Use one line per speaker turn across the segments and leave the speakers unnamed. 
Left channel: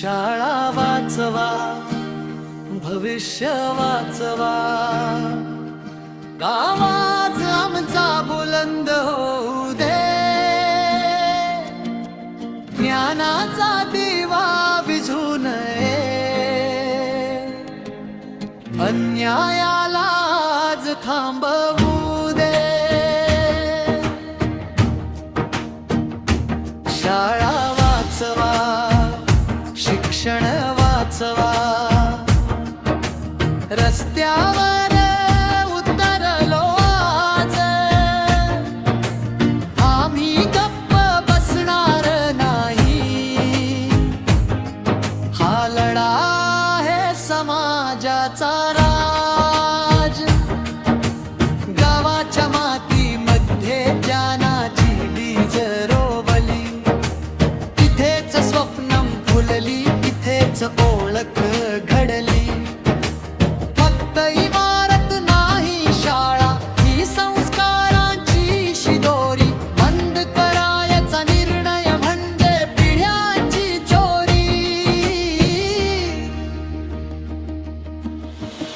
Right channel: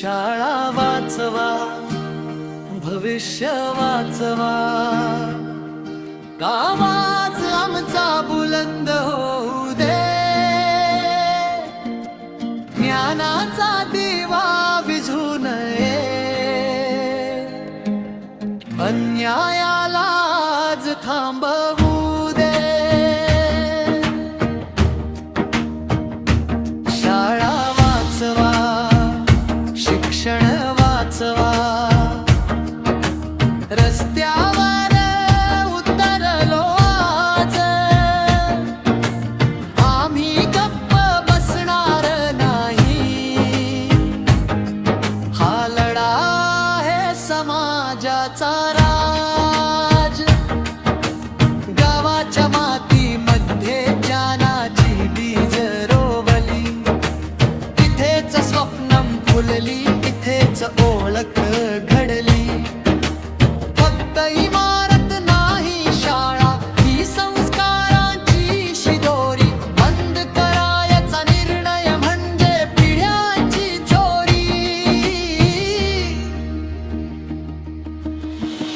शाळा वाचवा भविष्य वाचवा. गावाज आमचा बुलंद होऊ दे. ज्ञानाचा दिवा विझू नये. अन्यायाला आज थांबवू दे. क्षण वाचवा. रस्त्यावर उतरलो आज. आम्ही गप्प बसणार नाही. हा लढा आहे समाजाचा राज. गावाच्या मातीमध्ये ज्ञानाची बीज रोवली. तिथेच स्वप्नम फुलली. इथेच ओळख घडली. फक्त इमारत नाही शाळा ही संस्कारांची शिदोरी. बंद करायचा निर्णय म्हणजे पिढ्यांची चोरी.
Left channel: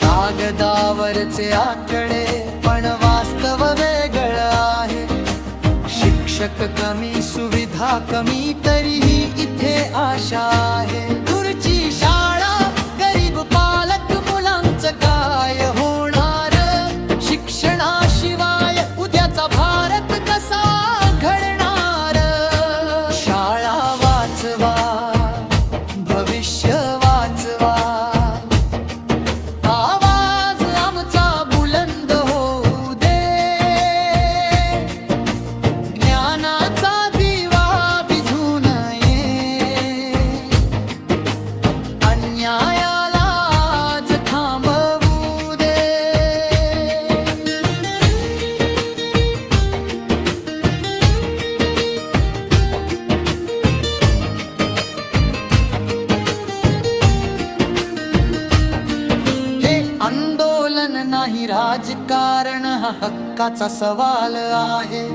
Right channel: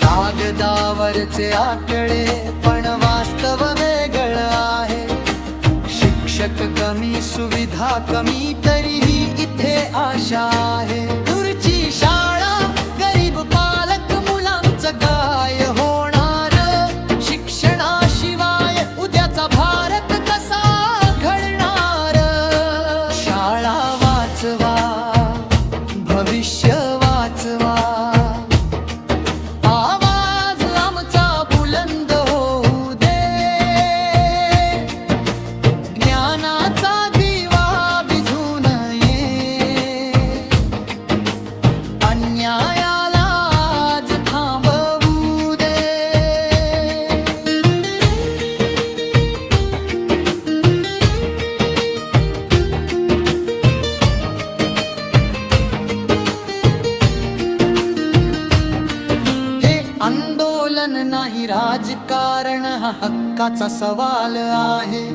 कागदावरचे आकडे पण वास्तव वेगळं आहे. शिक्षक कमी सुविधा कमी तरीही इथे आशा आहे. ची शाळा गरीब पालक मुलांचं काय होणार? शिक्षणाशिवाय उद्याचा भारत कसा घडणार? शाळा वाचवा भविष्य नाही राजकारण हा हक्काचा सवाल आहे.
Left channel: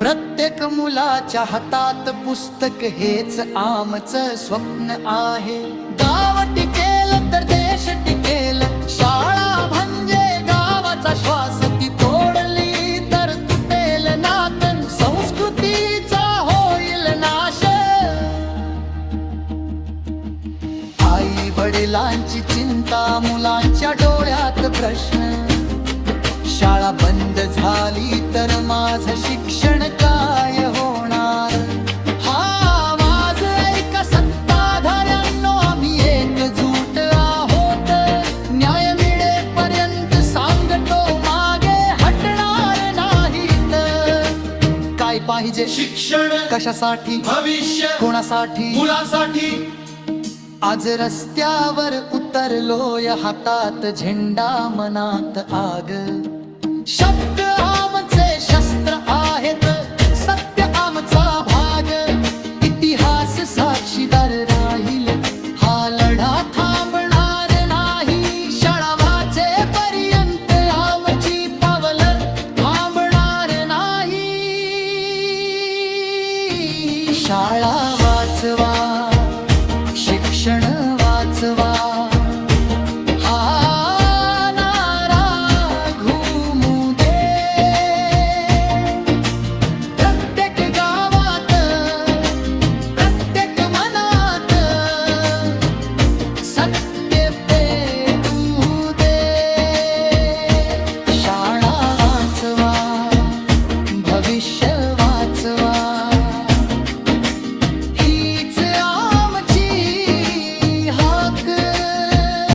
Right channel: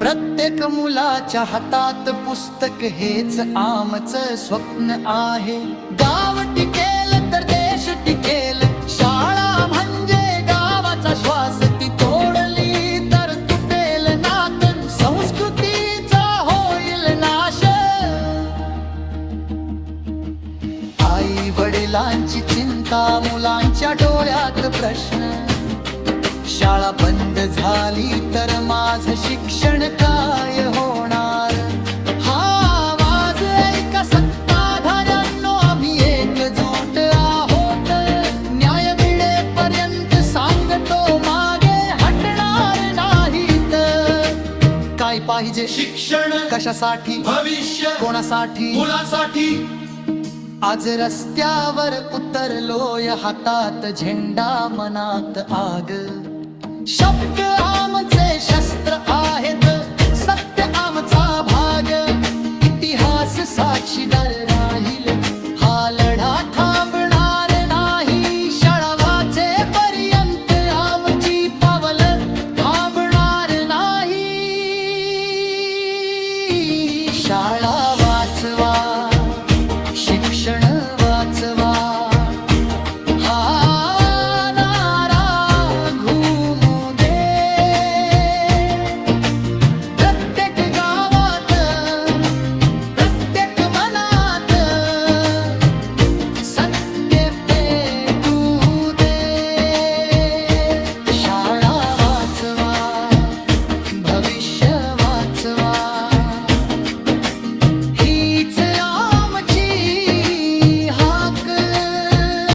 प्रत्येक मुलाच्या हातात पुस्तक हेच आमचं स्वप्न आहे. गा वडिलांची चिंता मुलांच्या डोळ्यात प्रश्न. शाळा बंद झाली तर माझ शिक्षण काय होणार? हा आवाज ऐका सत्ताधाऱ्यांनो आम्ही एकजूट आहोत. न्याय मिळेपर्यंत सांगतो मागे हटणार नाहीत. काय पाहिजे?
शिक्षण
कशासाठी?
भविष्य
कोणासाठी?
मुलांसाठी.
आज रस्त्यावर उतरलोय हातात झेंडा मनात आग. शब्द आमचे शस्त्र आहेत सत्य आमचा भाग. इतिहास साक्षीदार राहील हा लढा थांब क्षण वाचवा. हा नारा घुमू दे. प्रत्येक गावात प्रत्येक मनात सत्य पेटू दे. शाळा वाचवा भविष्य वाचवा.